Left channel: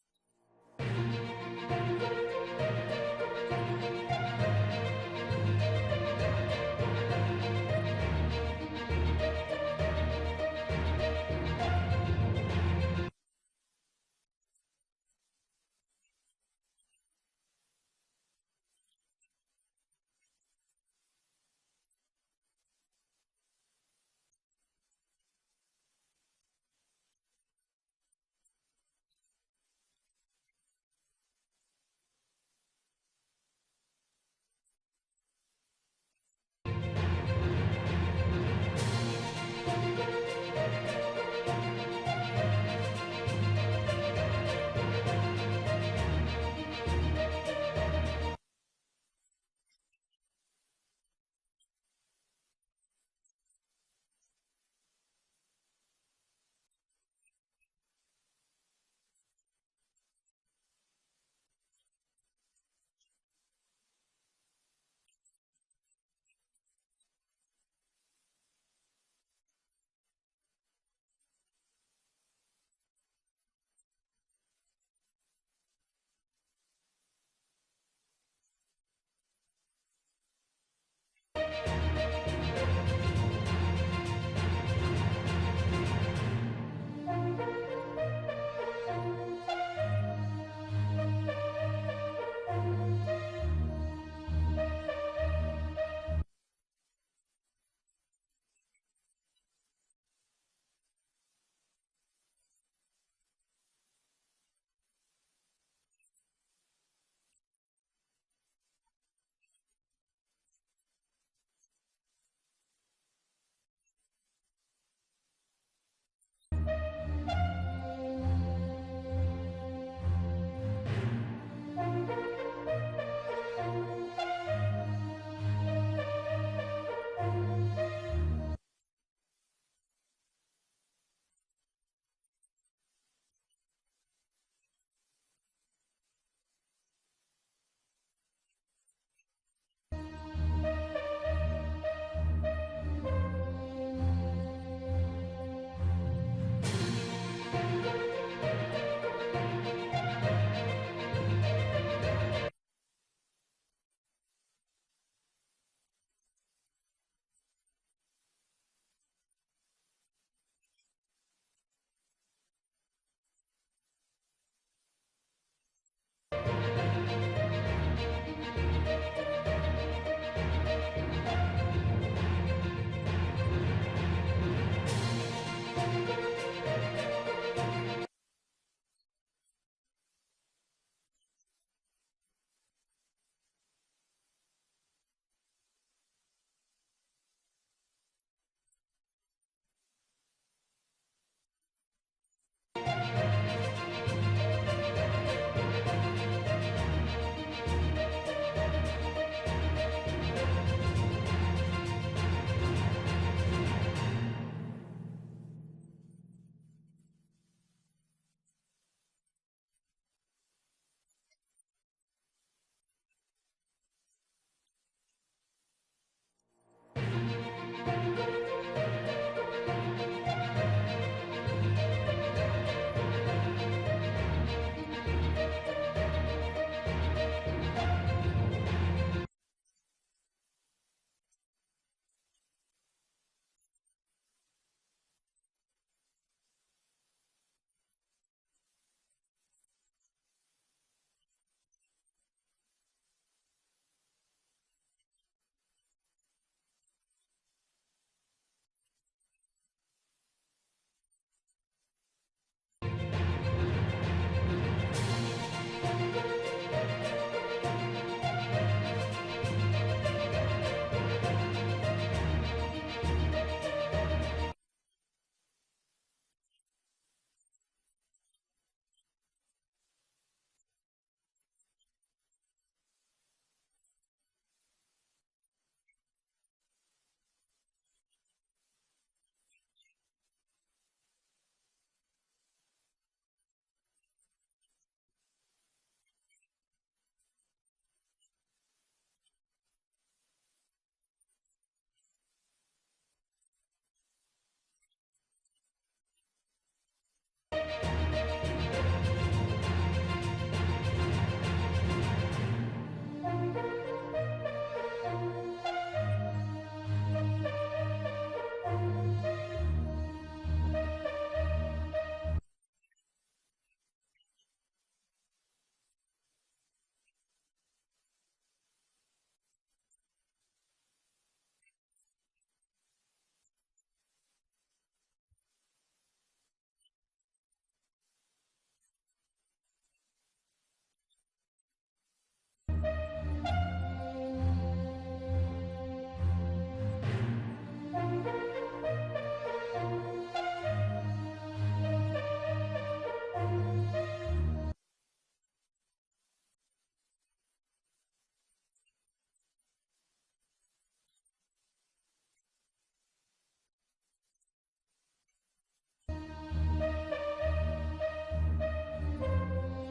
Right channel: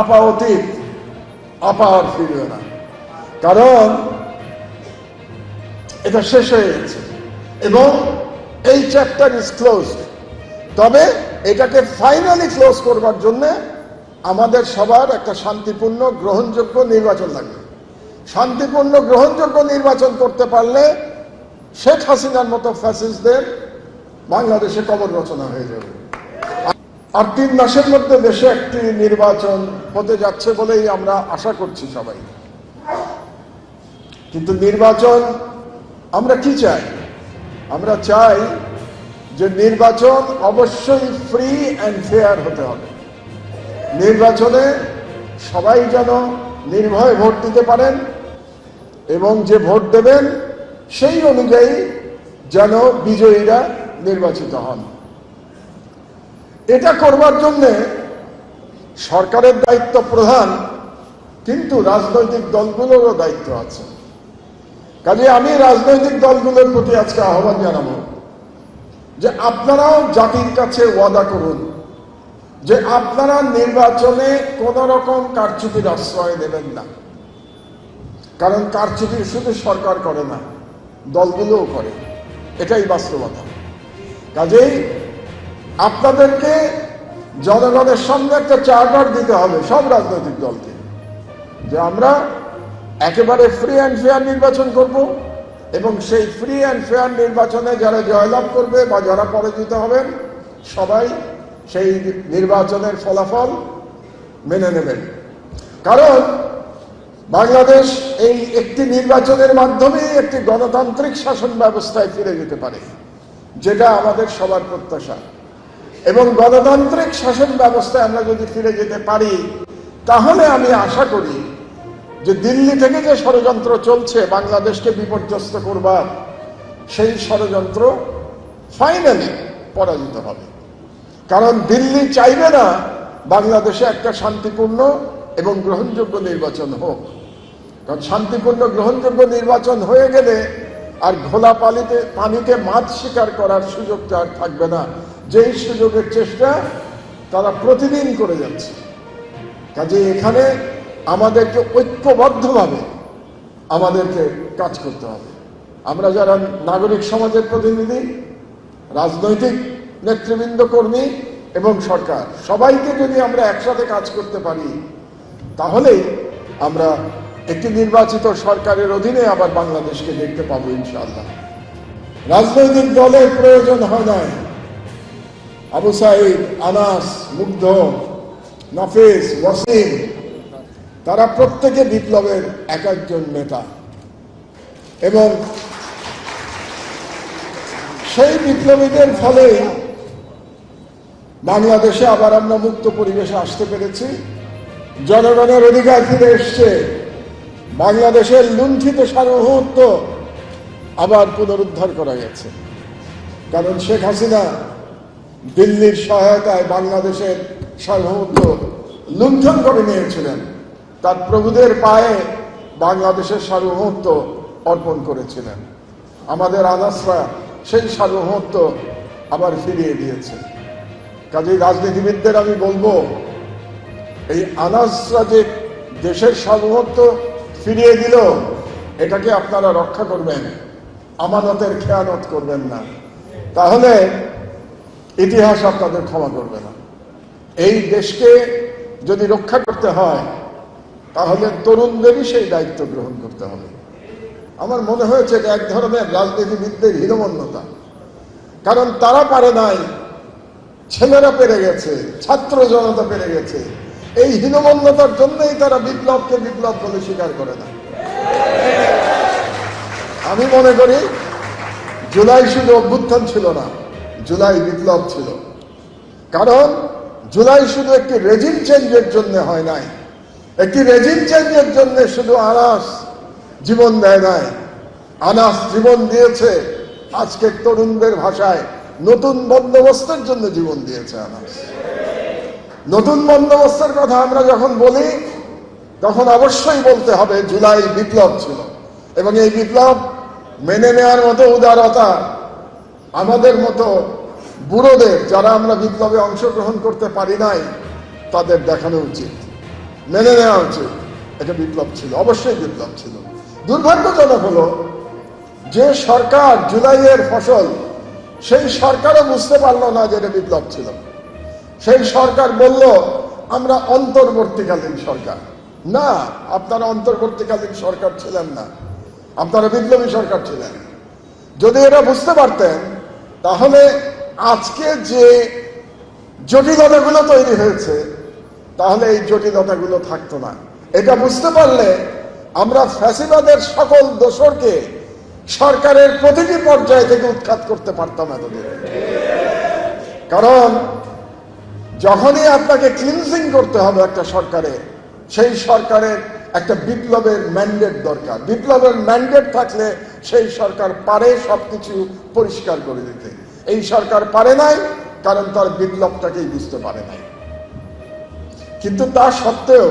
আপাতত আপা আর ফিরবে না। কারণ এটা শেষ হয়ে গেছে। এবং এই চ্যাপ্টার ইজ ক্লোজ তবে এটাকে ফাইনালি ক্লোজ করবার জন্য আমাদের সবার একটা শান্তিপূর্ণ, গ্রহণযোগ্য নির্বাচন লাগবে। শান্তিপূর্ণ, গ্রহণযোগ্য নির্বাচন করতে পারলে শেখ হাসিনার মতো ফ্যাসিস্টদের বাংলাদেশে কবর রচনা হয়ে যাবে। আর তিন মাসের মধ্যে দেশে একটি নির্বাচন হতে যাচ্ছে বলেই আমরা আশা করছি সবাই। কিন্তু নির্বাচন আমরা কি চাই? আমরা চাই যে নির্বাচন অবশ্যই ফ্রি অ্যান্ড ফেয়ার হতে হবে। নির্বাচনে সবাই যেন নির্ভয়ে ভোট দিতে পারেন এবং যে ভোট দেবেন সেই অনুযায়ী যেন বিজয়ীরা নির্বাচিত হন। এটা করবার জন্যে সরকারের দায়িত্ব প্রধান, কিন্তু রাজনৈতিক দলগুলোরও দায়িত্ব আছে। কাজে আমি রাজনৈতিক দলগুলোর প্রতি আজকে আহ্বান জানাব যে আপনারাও জাতির কাছে ওয়াদা করুন যে আপনারা নির্বাচনে কোন রকম কারচুপির আশ্রয় নেবেন না। কারণ কারচুপি শুধু সরকার করে না, দলগুলোও করে। এটাই বাস্তবতা। কাজেই আপনাদেরকে জনগণের সামনে একটা চার্টার দিতে হবে সব রাজনৈতিক দলকে, যে আমরা একেবারে ফ্রি অ্যান্ড ফেয়ার নির্বাচন করব এবং সেই ফ্রি অ্যান্ড ফেয়ার নির্বাচনে যারা জয়লাভ করবে বা যারা পরাজিত হবেন, সবাই সেই নির্বাচনের ফলাফল মেনে নেবেন। কারণ বাংলাদেশ এই একটি নির্বাচনের মাধ্যমে একটি গণতান্ত্রিক শাসন ব্যবস্থায় ফিরে যেতে পারে, যেটা আমাদের সবার প্রত্যাশা। এবং গণতান্ত্রিক শাসন ব্যবস্থায় আমরা যদি ফিরে যেতে পারি, তাহলে আমি আশা করি যে দিল্লি থেকে যে ষড়যন্ত্র চলছে, বাংলাদেশকে বিপর্যস্ত করবার, সেই ষড়যন্ত্র ফাইনালি পরাজিত হবে। কারণ দিল্লি চাইবে না বাংলাদেশে একটা শান্তিপূর্ণ এবং গ্রহণযোগ্য নির্বাচন হোক। কারণ শান্তিপূর্ণ, গ্রহণযোগ্য নির্বাচন হয়ে গেলে আর ঘোলা পানিতে পানিতে মাছ শিকার করার সুযোগটা আর থাকবে না। যেই সুযোগের চেষ্টা তারা প্রতিদিন করে যাচ্ছে। কাজে এখানে আমাদেরকে ঐক্যবদ্ধভাবে আমাদেরকে কাজ করতে হবে। আমরা যারা নাগরিক সমাজের প্রতিনিধি, রাজনৈতিক নেতৃবৃন্দ, কর্মী এবং সরকার, সবাইকে যদি আমরা একসাথে কাজ করতে পারি, তাহলেই আমরা একটি নির্বাচিত সরকারের অধীনে আবার বাংলাদেশকে দেখতে পাবো ইনশাআল্লাহ। রাজনৈতিক দলের প্রয়োজন হয় নাই। আবু সাইদ, আনাস, মুগ্ধ, নাফিস, ওয়াসিম, তারা প্রত্যেকে বিপ্লবের এক একজন নেতা। এবং সেই বিপ্লবীদের ফলে বাংলাদেশে আবার আমরা মুক্ত পরিবেশে আসতে পেরেছি। জনগণের অধিকার ফিরে এসছে। বাংলাদেশের লুণ্ঠিত সার্বভৌমত্ব আবার পুনরুদ্ধার করা গেছে। কারণ শেখ হাসিনা দিল্লির সহায়তায় বাংলাদেশের সার্বভৌমত্ব লুণ্ঠন করে নিয়েছিলেন। তার প্রভুদের পায়ে বাংলাদেশের সার্বভৌমত্ব অর্পণ করেছিলেন। আমাদের আনাসরা সেই সার্বভৌমত্ব আবার ফিরিয়ে দিয়েছে। কাজেই রাজনীতিবিদদের আমি বলব, এই আনাসরা যে দেশের সার্বভৌমত্ব ফিরিয়ে দিল, এটাকে আপনারা রক্ষা করবেন, আমানতের খেয়ানত করবেন না। তাহলে ইতিহাস আপনাদের ক্ষমা করবে না। এই দেশকে যদি রক্ষা করতে হয়, তাহলে তরুণদেরই সেই দায়িত্ব গ্রহণ করতে হবে। আমার মনে হয়েছে এক ধরনের রাজনীতিবিদদের হীনমন্যতা। কারণ তারা পারে নাই, ছেলেরা পেরে গেছে, ছাত্র জনতা পেরে গেছে এই হীনমন্যতার জন্যই তারা বিপ্লবকে বিপ্লব বলে স্বীকার করে না। আমি মনে করি, জুলাই শুধু অভ্যুত্থান ছিল না, জুলাই বিপ্লব ছিল। কারণ, জুলাই শুধু একটি রেজিম চেঞ্জের জন্য হয় নাই। একটি রেজিম চেঞ্জের জন্য শুধু আনাস জীবন দেয় নাই। আনাস জীবন দিয়েছে আজকে তরুণদের ভাষায় নতুন বন্দোবস্তের জন্য জীবন দিয়েছে আনাস। নতুন বন্দোবস্তের কথা আমরা যখন বলি, তখন অবশ্যই বলতে হবে, জুলাই বিপ্লব ছিল। এবং এই বিপ্লব মেনে নেওয়ার মতো উদারতা আমাদের মতো বুড়োদের, যারা আমরা বিপ্লবে অংশগ্রহণ করতে পারি নাই, তাদের দেখানো উচিত। মেনে নেওয়া উচিত। এটা বিপ্লব ছিল, অবশ্যই বিপ্লব ছিল। দুর্ভাগ্যজনক হলো, যে সরকার জুলাইয়ের ফসল, সেই সরকারও বুঝতে পারল না যে এটা বিপ্লব ছিল। সেই সরকার বলল, আমরা অন্তর্বর্তীকালীন সরকার। না, আপনারা অন্তর্বর্তীকালীন সরকার ছিলেন না। আপনারা বিপ্লবী সরকার ছিলেন। যদি এটা বুঝতে পারতেন, তাহলে আজকে যে জটিলতাগুলো তৈরি হয়েছে, তাহলে এই জটিলতাগুলো থাকতো না। এটা বুঝতে পারলে আমরা ফ্যাসিবাদের সকল দোষরকে সরকারের প্রতিটি পর্যায় থেকে উৎখাত করতে পারতাম এতদিন। কারণ যখনই আপনাকে ক্লিনজিং করতে হবে একটা সরকারে, সেই সরকারের একটা বিপ্লবের ম্যান্ডেট দরকার। বিপ্লবের ম্যান্ডেট থাকলে সেই সরকার পারে সবকিছু পরিষ্কার করে দিতে। এই সরকার পারে নাই, কারণ তার বিপ্লবটাকেই বুঝতে পারে নাই। কিন্তু তা সত্ত্বেও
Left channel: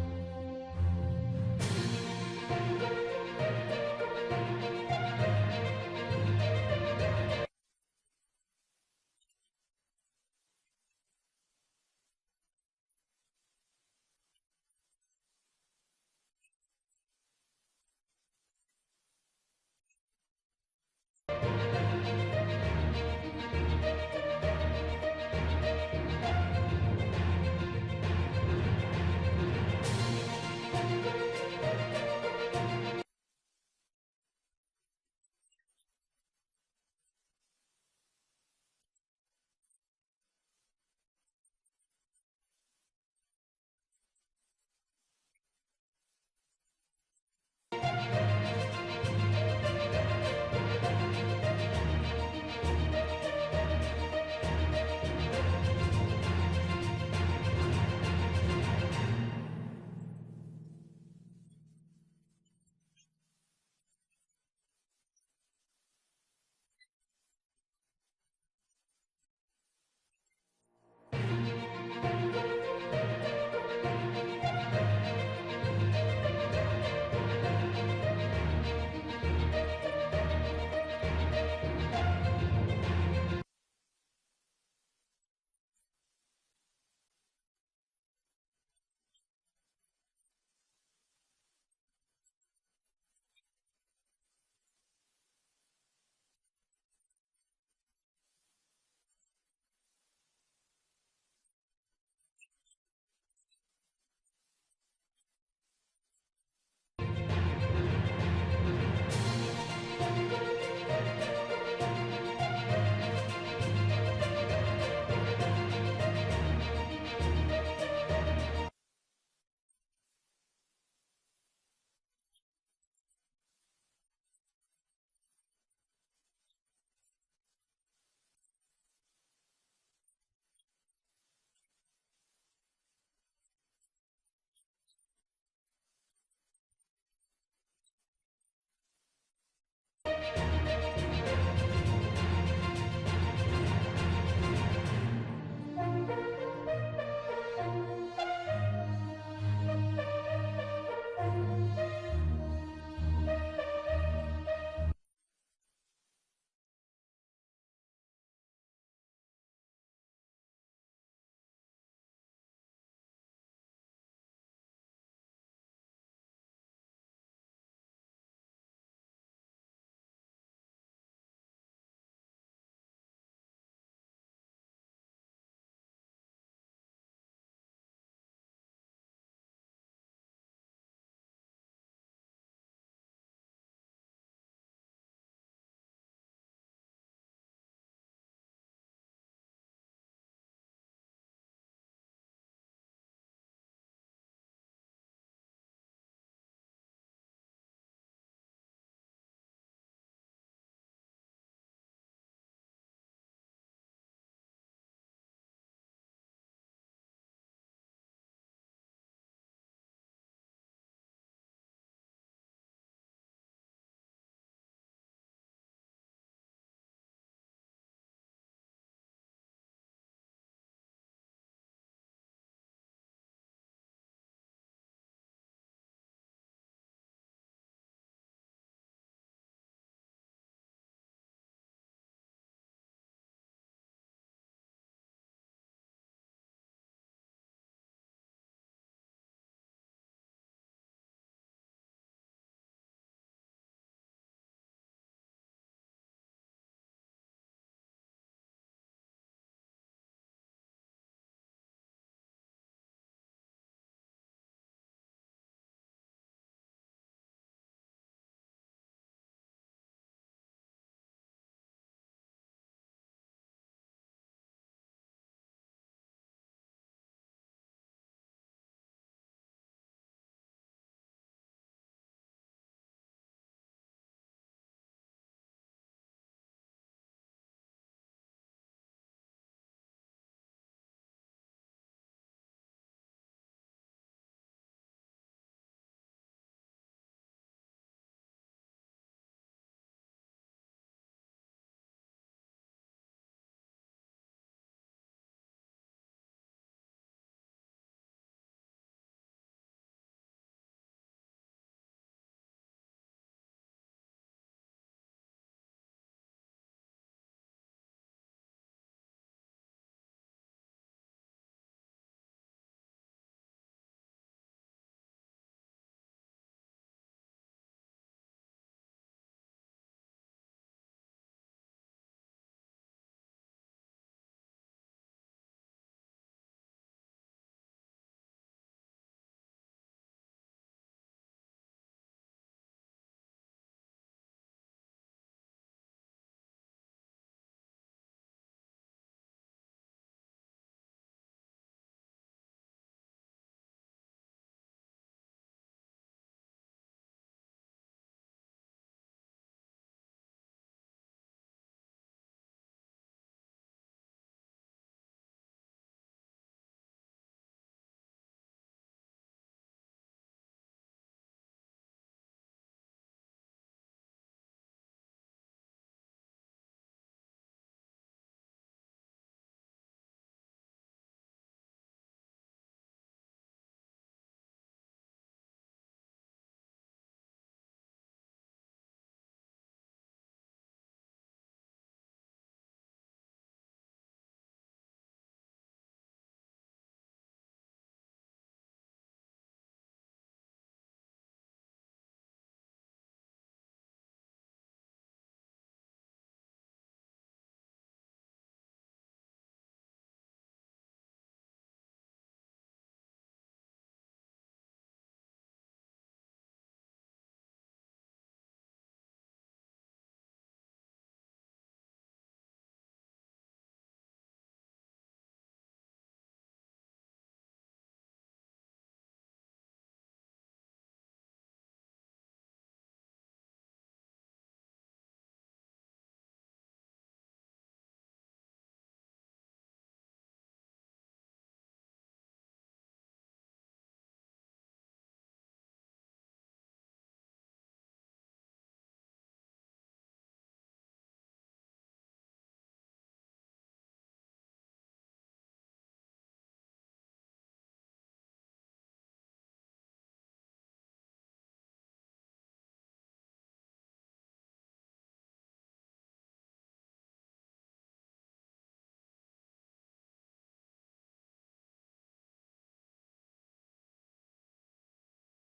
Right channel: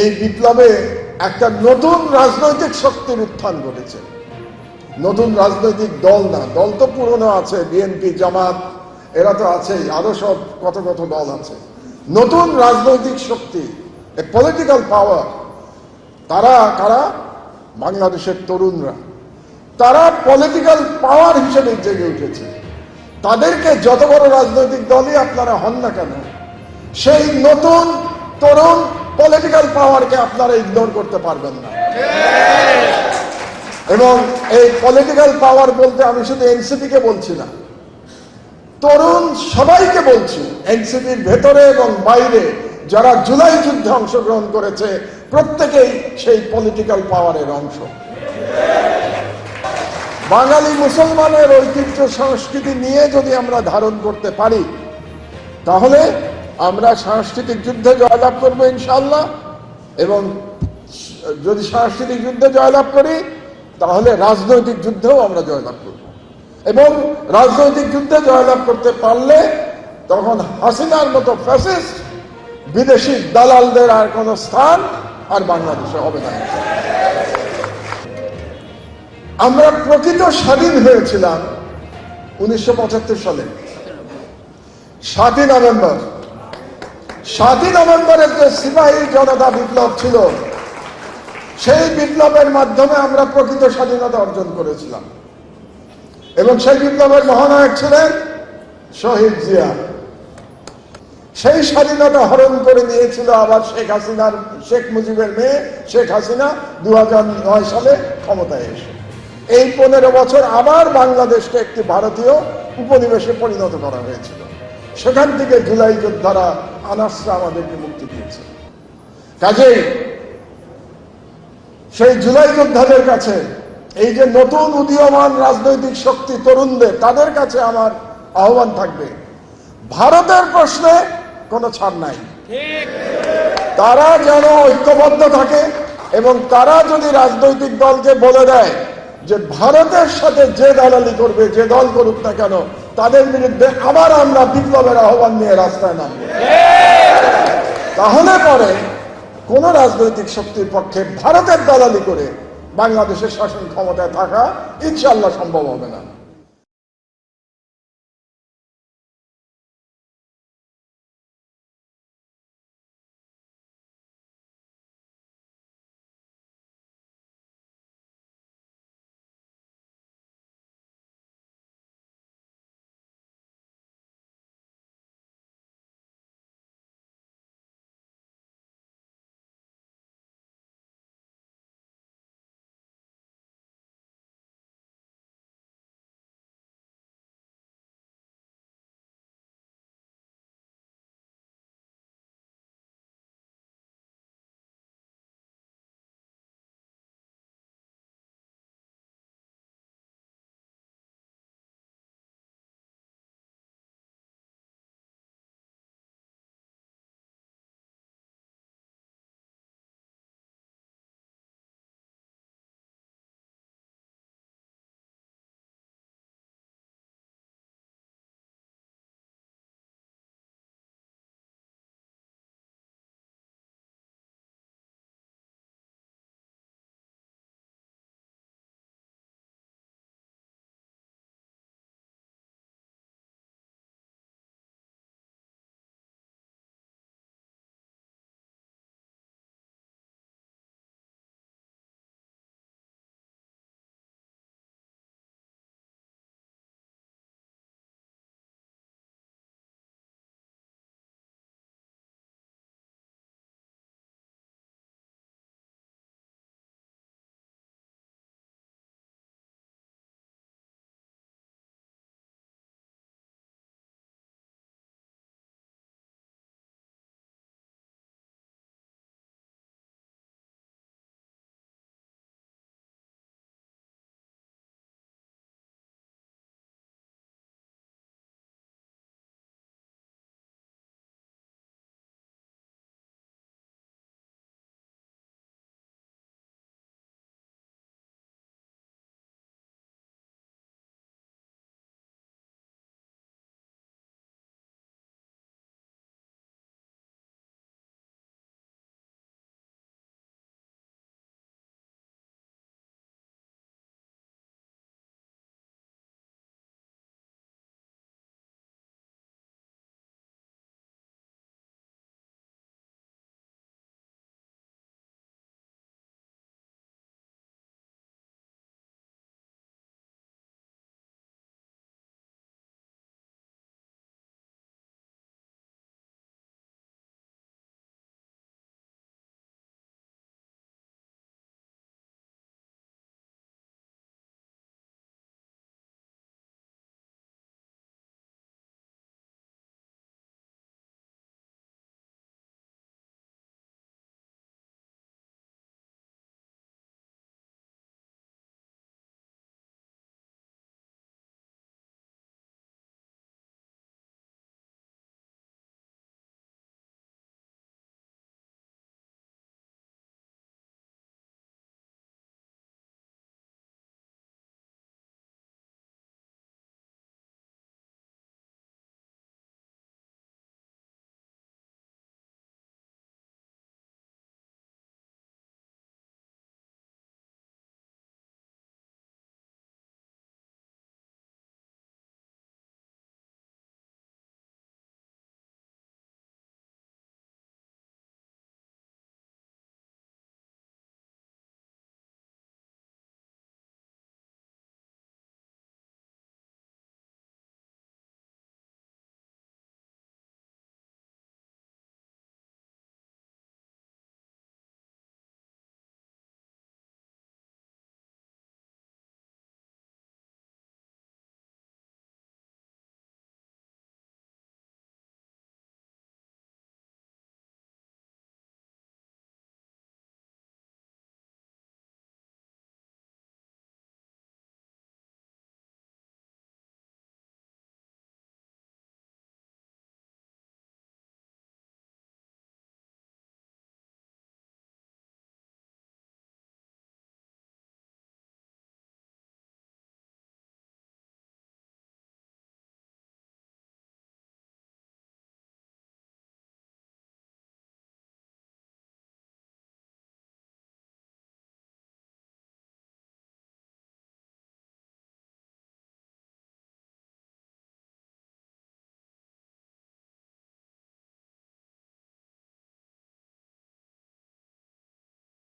এই বিপ্লবে একটা নতুন রাজনৈতিক শক্তির উত্থান ঘটেছে। নতুন রাজনৈতিক দল না, দল তো পুরনো আছে, বিএনপি, জামাত এরা তো আছেই আরও সব কত কত দল আছে। নতুন রাজনৈতিক শক্তি এ পলিটিক্যাল পাওয়ার তারা কারা? বাংলাদেশের তরুণরা। তারা পলিটিক্যাল পাওয়ার হিসেবে জেগে উঠেছে। তাদেরকে যত বড় রাজনৈতিক দলই আপনারা হন না কেন সেই নতুন তরুণ পলিটিক্যাল পাওয়ারকে আপনারা ইগনোর করতে পারবেন না। এবং এই পলিটিক্যাল পাওয়ার বলতে আমি শুধু এনসিপি কে বলছি না তরুণ সবাইকে বলছি এনসিপির ভেতরে এবং বাইরে যারা জুলাই যুদ্ধে অংশগ্রহণ করেছে, প্রত্যেকেই সেই পলিটিক্যাল পাওয়ারের অংশ। বাঙালি মুসলমানের ঐতিহ্য সংস্কৃতি নিয়ে যদি আমরা ধারণ করতে পারি, তাহলে আমরা সাংস্কৃতিক যুদ্ধে জয়লাভ করব ইনশাল্লাহ এবং যদি সাংস্কৃতিক যুদ্ধে জয়লাভ করি, তাহলে রাজনৈতিক যুদ্ধেও আমরা জয়লাভ করব। এবং রাজনৈতিক যুদ্ধে জয়লাভ করতে পারলে তখন হাসিনার মতো ফ্যাসিস্ট বিদেশি দালালদের আর কোনো স্থান আর বাংলাদেশে হবে না। আমরা প্রকৃত স্বাধীন হয়েছিলাম উনিশশো পঁচাত্তর সালে। সাতই নভেম্বর। সাতই নভেম্বরের যে সিপাহী জনতা বিপ্লব ছিল, সেই বিপ্লবের মাধ্যমে আমরা প্রকৃত স্বাধীনতা অর্জন করেছিলাম। এবং সেই বিপ্লবের মহানায়ক ছিলেন শহীদ জিয়া। সেই স্বাধীনতা হরণ করে নিয়েছিল আবার শেখ হাসিনার, শেখ মুজিবের মেয়ে শেখ হাসিনা দু সালে ক্ষমতায় এসে। এই পনেরো বছর আবার বাংলাদেশকে একটি ভারতীয় উপনিবেশে পরিণত করা হয়েছিল। সেখান থেকে জুলাই যোদ্ধারা আনাসরা আমাদেরকে মুক্তি দিয়েছে। কাজেই সেই জুলাই যোদ্ধাদের কাছে এই যে নতুন উদীয়মান রাজনৈতিক শক্তি তরুণদের, তাদের কাছে আমার আহ্বান থাকবে। ভারতের প্রশ্নে কোনো ছাড় নাই। তারা যেন ঐক্যবদ্ধ থাকে এবং তারা যদি রাজনৈতিক দলকে বলে দেয় যে ভারতের সাথে যে দালালি করবে, যে দল করুক না কেন, তাদের বিরুদ্ধে আবার আমরা বিপ্লবের আহ্বান নিয়ে রাস্তায় নামব। তাহলে পরে কোন রাজনৈতিক শক্তির পক্ষে ভারতের দালালি করে বাংলাদেশের শাসন ক্ষমতায় থাকা ইনশাল্লাহ সম্ভব হবে না।